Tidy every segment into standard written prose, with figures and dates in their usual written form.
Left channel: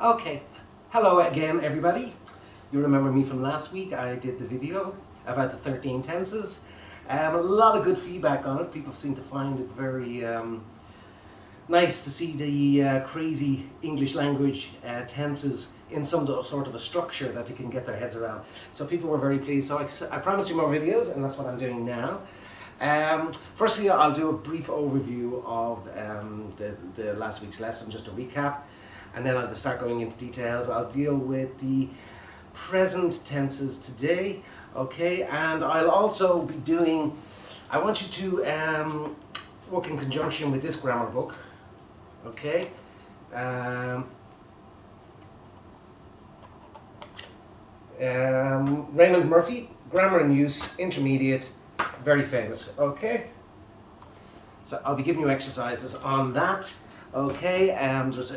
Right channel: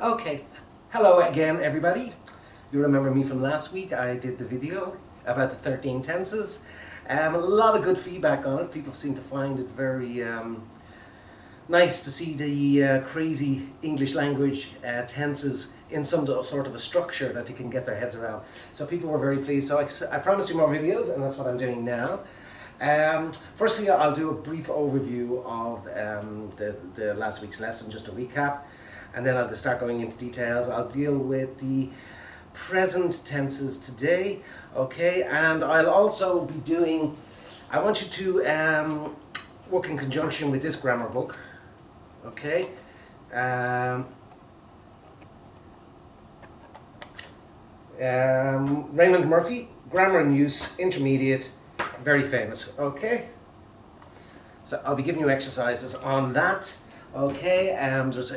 Okay, hello again everybody. You remember me from last week. I did the video about the 13 tenses. A lot of good feedback on it. People seem to find it very nice to see the crazy English language tenses in some sort of a structure that they can get their heads around. So people were very pleased. So I promised you more videos, and that's what I'm doing now. Firstly, I'll do a brief overview of the last week's lesson, just a recap, and then I'll start going into details. I'll deal with the present tenses today, okay, and I'll also be doing, I want you to work in conjunction with this grammar book, okay. Raymond Murphy, Grammar and Use, Intermediate, very famous, okay. So I'll be giving you exercises on that, okay. There's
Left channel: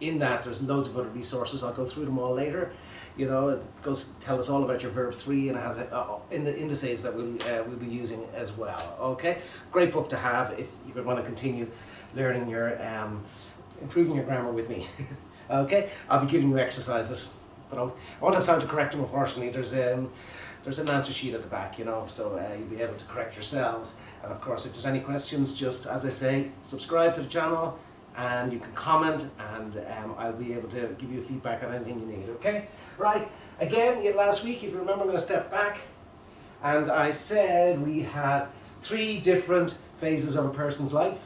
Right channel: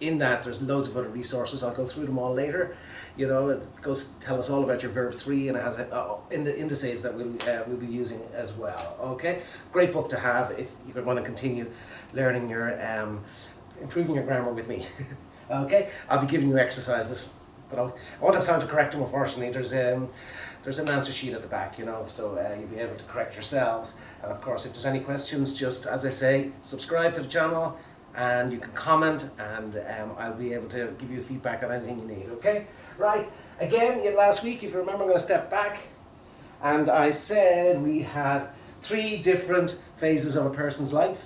in that there's loads of other resources. I'll go through them all later. You know, it goes tell us all about your verb 3, and it has in the indices that we'll be using as well. Okay, great book to have if you want to continue learning your improving your grammar with me. Okay, I'll be giving you exercises, but I won't have time to correct them. Unfortunately, there's an answer sheet at the back, you know, so you'll be able to correct yourselves. And of course, if there's any questions, just as I say, subscribe to the channel, and you can comment, and I'll be able to give you feedback on anything you need, okay? Right, again, last week, if you remember, I'm going to step back, and I said we had 3 different phases of a person's life,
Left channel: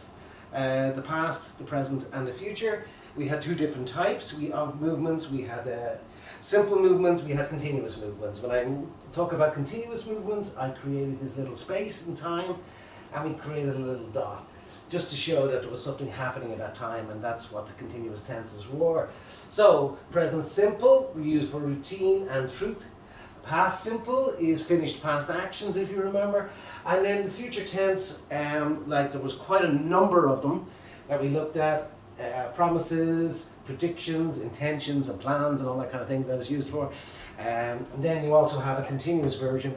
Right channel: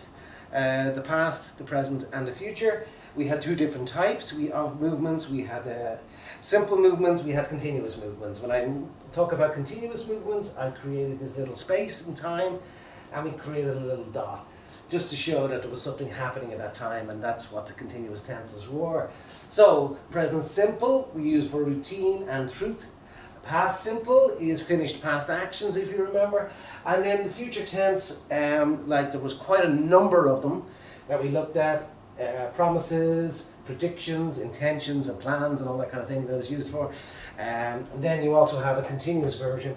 the past, the present, and the future. We had 2 different types of movements. We had simple movements, we had continuous movements. When I talk about continuous movements, I created this little space in time, and we created a little dot, just to show that there was something happening at that time, and that's what the continuous tenses were. So, present simple, we use for routine and truth. Past simple is finished past actions, if you remember. And then the future tense, like there was quite a number of them that we looked at. Promises, predictions, intentions, and plans, and all that kind of thing that is used for. And then you also have a continuous version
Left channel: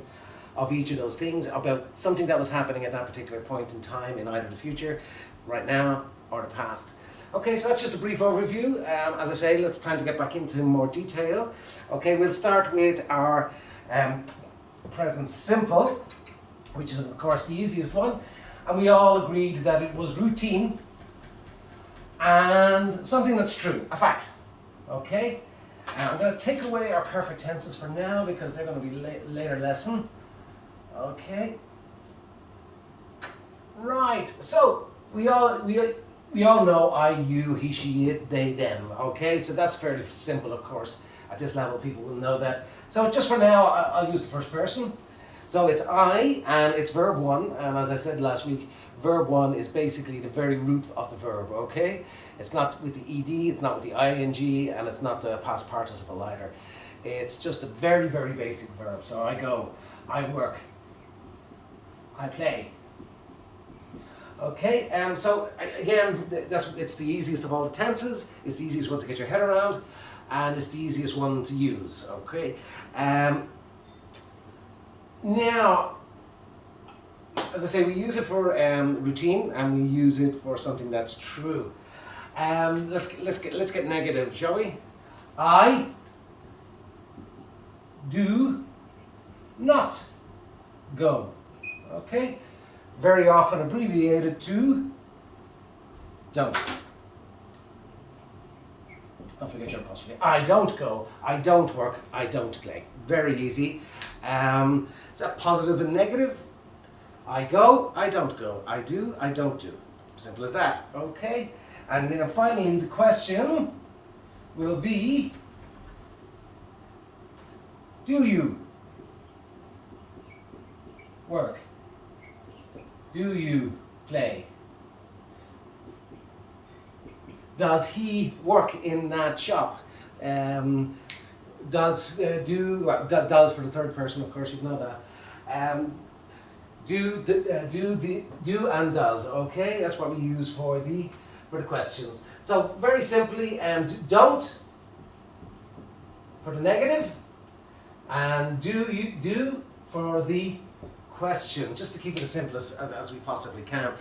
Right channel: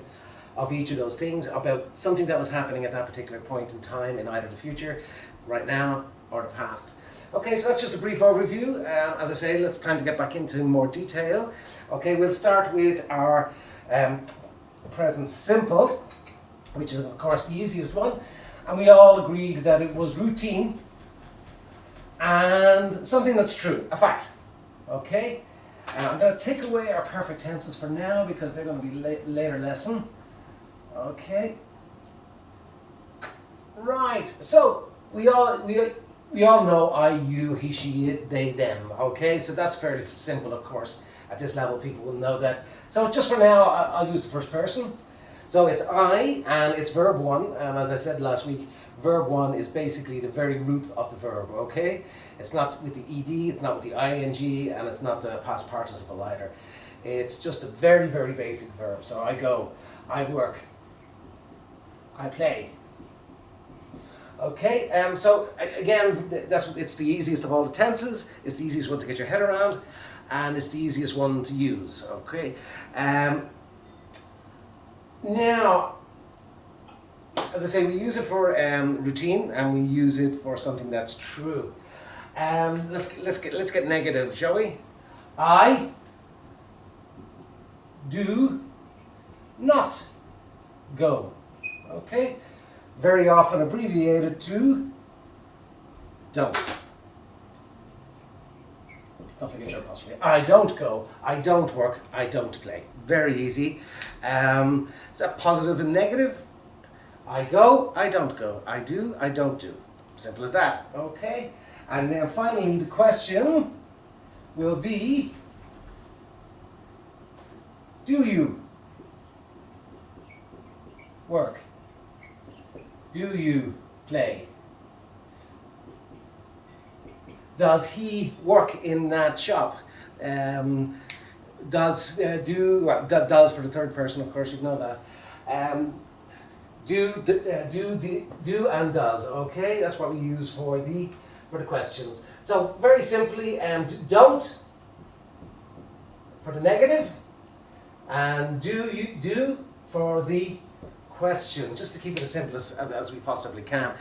of each of those things about something that was happening at that particular point in time in either the future, right now, or the past. Okay, so that's just a brief overview. As I say, it's time to get back into more detail. Okay, we'll start with our present simple, which is of course the easiest one. And we all agreed that it was routine and something that's true, a fact. Okay, I'm going to take away our perfect tenses for now because they're going to be later lesson. Okay, right, so we all know I, you, he, she, it, they, them. Okay, so that's fairly simple, of course. At this level, people will know that. So just for now, I'll use the first person. So it's I, and it's verb 1, and as I said last week, verb 1 is basically the very root of the verb, okay? It's not with the ed, it's not with the ing, and it's not the past participle either. It's just a very, very basic verb. So I go, I work, I play. Okay, so again, it's the easiest of all the tenses, it's the easiest one to get your head around, and it's the easiest one to use, okay? Now, as I say, we use it for routine, and we use it for something that's true. Let's get negative, shall we? I do not go. Okay, very often abbreviated to don't. Don't forget your apostrophe. I don't go, I don't work, I don't play. Very easy. Is that positive and negative? I go, I don't go. I do, I don't do. Simple as that. Okay. And then finally, the question will be, do you work? Do you play? Does he work in that shop? Does for the third person, of course, you'd know that. Do and does. Okay, that's what we use for the questions. So very simply, don't for the negative, and do for the question, just to keep it as simple as we possibly can.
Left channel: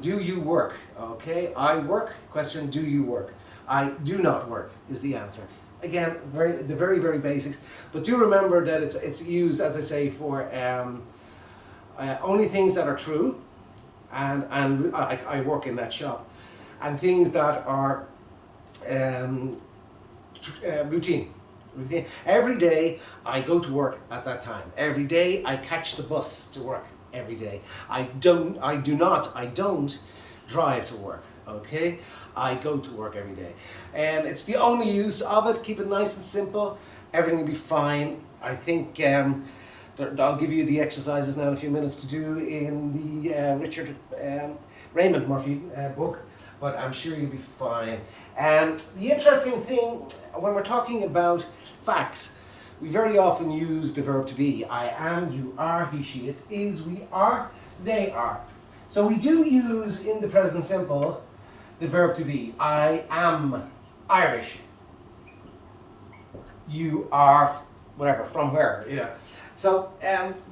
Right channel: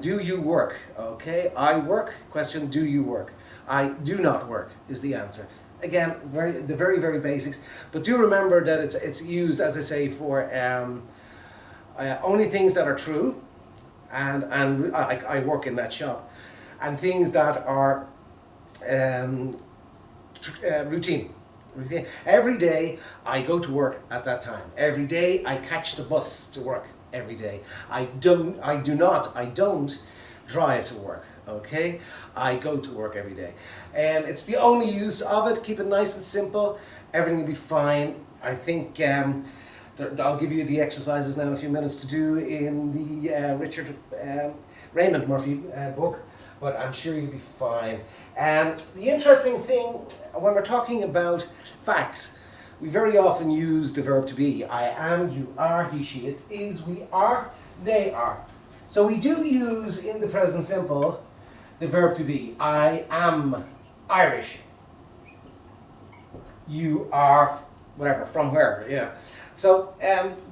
Do you work? Okay, I work, question, do you work? I do not work is the answer. Again, the very, very basics. But do remember that it's used, as I say, for only things that are true, and I work in that shop, and things that are routine. Routine. Every day I go to work at that time. Every day I catch the bus to work. Every day I don't drive to work. Okay, I go to work every day. It's the only use of it. Keep it nice and simple. Everything will be fine. I think I'll give you the exercises now in a few minutes to do in the Richard Raymond Murphy book, but I'm sure you'll be fine. The interesting thing when we're talking about facts, we very often use the verb to be. I am, you are, he, she, it is, we are, they are. So we do use in the present simple the verb to be. I am Irish. You are whatever, from where, yeah. So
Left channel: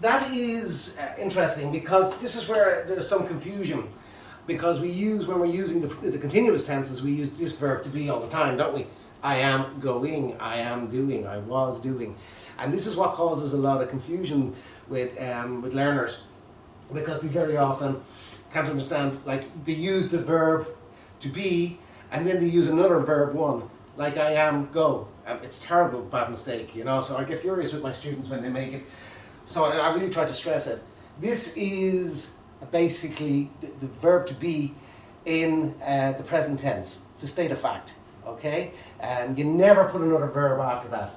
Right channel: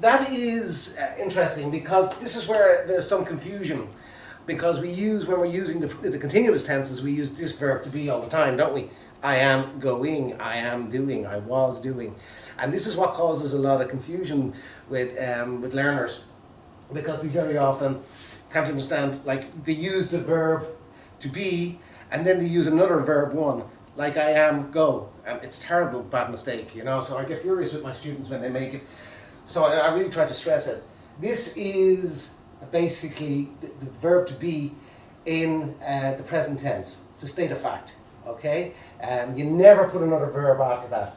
that is interesting, because this is where there's some confusion, because when we're using the continuous tenses, we use this verb to be all the time, don't we? I am going, I am doing, I was doing. And this is what causes a lot of confusion with learners, because they very often can't understand, like they use the verb to be and then they use another verb one, like I am, go. And it's terrible, bad mistake, you know. So I get furious with my students when they make it. So I really try to stress it. This is basically the verb to be in the present tense, to state a fact, okay? And you never put another verb after that.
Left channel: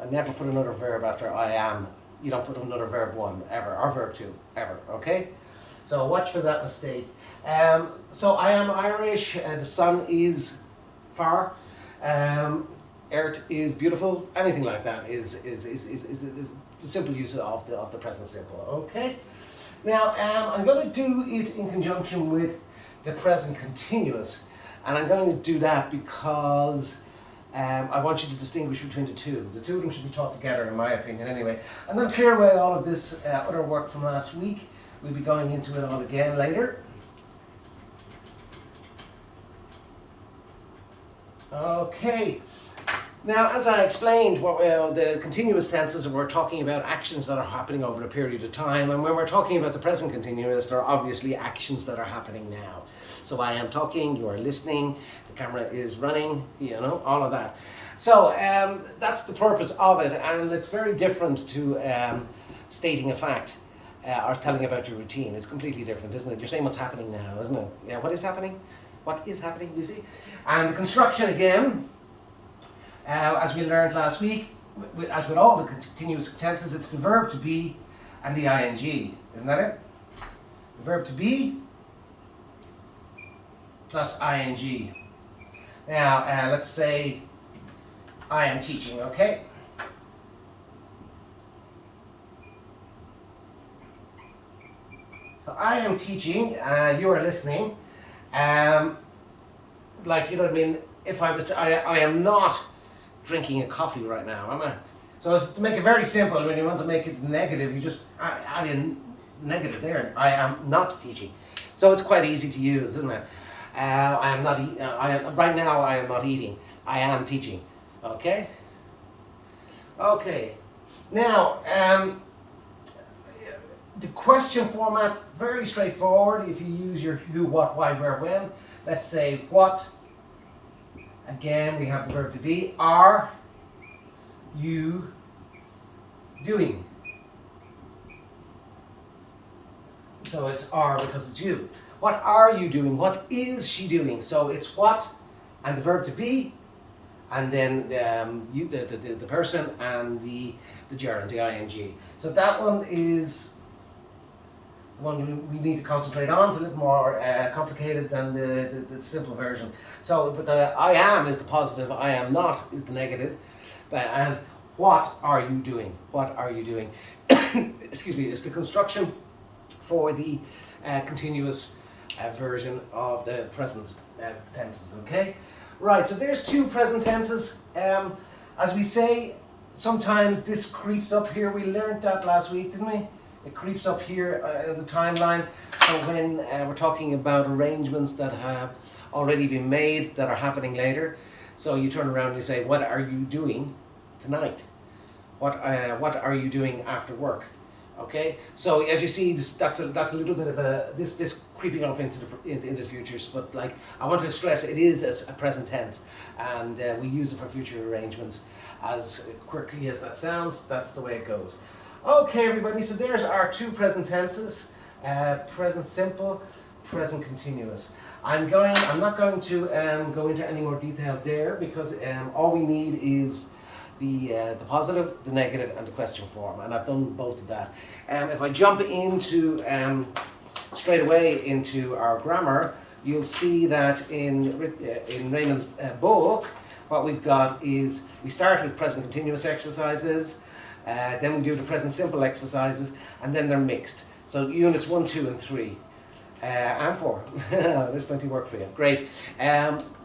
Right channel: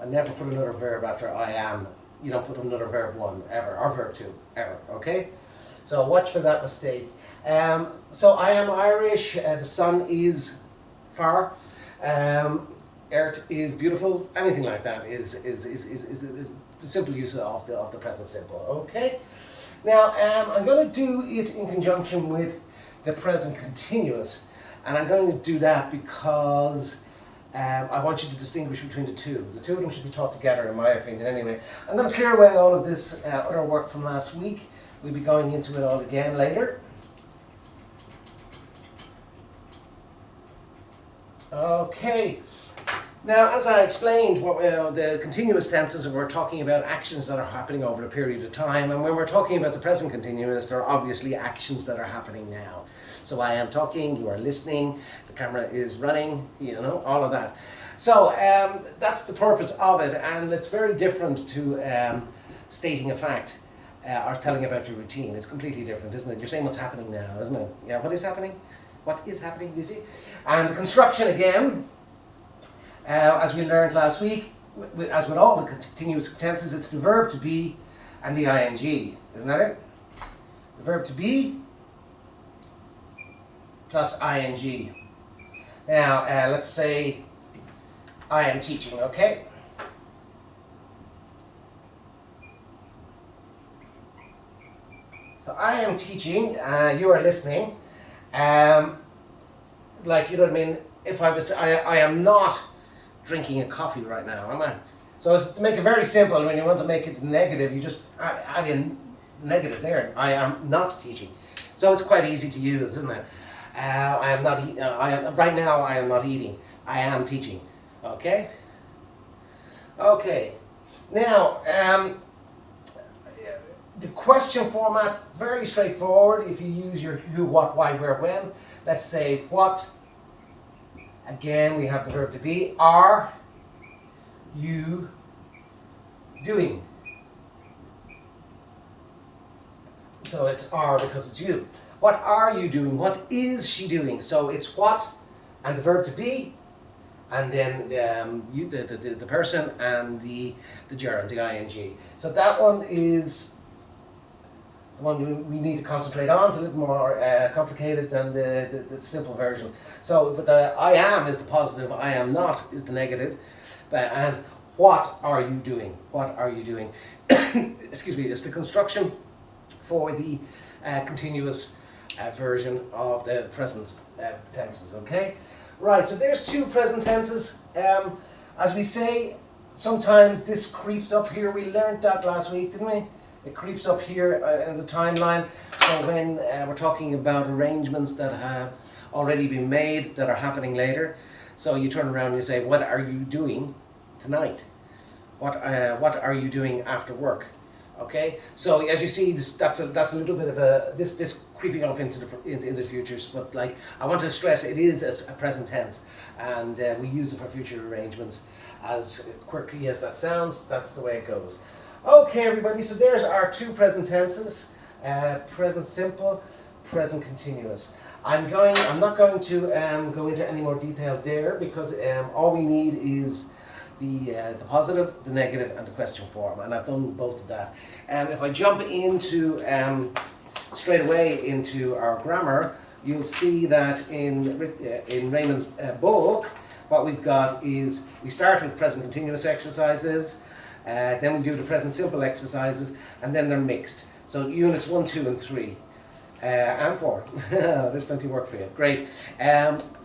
I never put another verb after I am. You don't put another verb one, ever, or verb two, ever, okay? So watch for that mistake. So I am Irish, the sun is far, earth is beautiful, anything like that is the simple use of the present simple, okay? Now, I'm going to do it in conjunction with the present continuous, and I'm going to do that because I want you to distinguish between the two. The two of them should be taught together, in my opinion, anyway. I'm going to clear away all of this other work from last week. We'll be going into it all again later. Okay. Now, as I explained, the continuous tenses, we're talking about actions that are happening over a period of time, and when we're talking about the present continuous, there are obviously actions that are happening now. So I am talking, you are listening, the camera is running, you know, all of that. So that's the purpose of it, and it's very different to stating a fact or telling about your routine. It's completely different, isn't it? You're saying what's happening now, isn't it? Yeah, what is happening? What is happening, you see? And the construction again, as we learned last week, as with all the continuous tenses, it's the verb to be and the ing. Isn't that it? The verb to be plus ing. Now, let's say I am teaching, okay? So I am teaching, you are listening. Like, you know what I mean? If I was to, I am not drinking a coffee right now, am I? So to make it very simple, when you want to make it negative, you just add in negative there. I am not teaching. So it's quite easy to use, isn't it? I am not. Right now. I am not eating. I am teaching. Okay. Okay. Now, the question format, very straightforward. If you use your who, what, why, where, when. Let's say what. Again, we have the verb to be. Are you doing? So it's are because it's you. What are you doing? What is she doing? So it's what and the verb to be, and then you, the person, and the gerund, the ing. So that one is the one we need to concentrate on. It's a little more complicated than the simple version. So, but the I am is the positive, I am not is the negative, and what are you doing? What are you doing? Excuse me, it's the construction for the continuous version of the present tenses, okay? Right, so there's two present tenses. As we say, sometimes this creeps up here. We learned that last week, didn't we? It creeps up here in the timeline. So when we're talking about arrangements that already been made that are happening later. So you turn around and you say, what are you doing tonight? What are you doing after work? Okay, so as you see, that's a little bit of this creeping up into the futures. But like, I want to stress, it is a present tense, and we use it for future arrangements. As quirky as that sounds, that's the way it goes. Okay, everybody. So there's our two present tenses: present simple, present continuous. I'm not going to go into any more detail there, because all we need is the positive, the negative, and the question form, and I've done both of that. If I jump into straight away into our grammar, you'll see that in Raymond's book, what we've got is we start with present continuous exercises, then we do the present simple exercises, and then they're mixed. So units 1, 2, and 3. And 4. There's plenty of work for you. Great.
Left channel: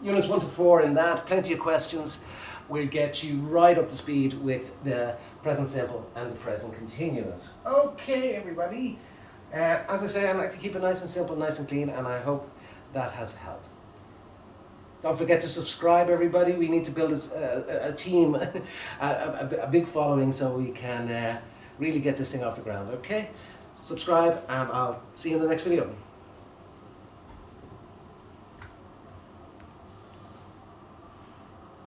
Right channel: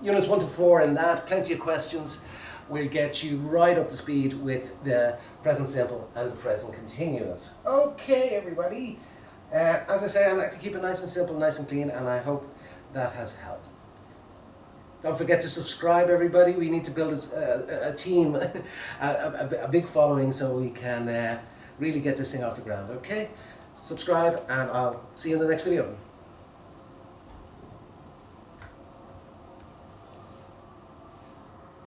Units 1 to 4 in that, plenty of questions. Will get you right up to speed with the present simple and the present continuous. Okay, everybody. As I say, I like to keep it nice and simple, nice and clean, and I hope that has helped. Don't forget to subscribe, everybody. We need to build a team, a big following, so we can really get this thing off the ground. Okay? Subscribe, and I'll see you in the next video.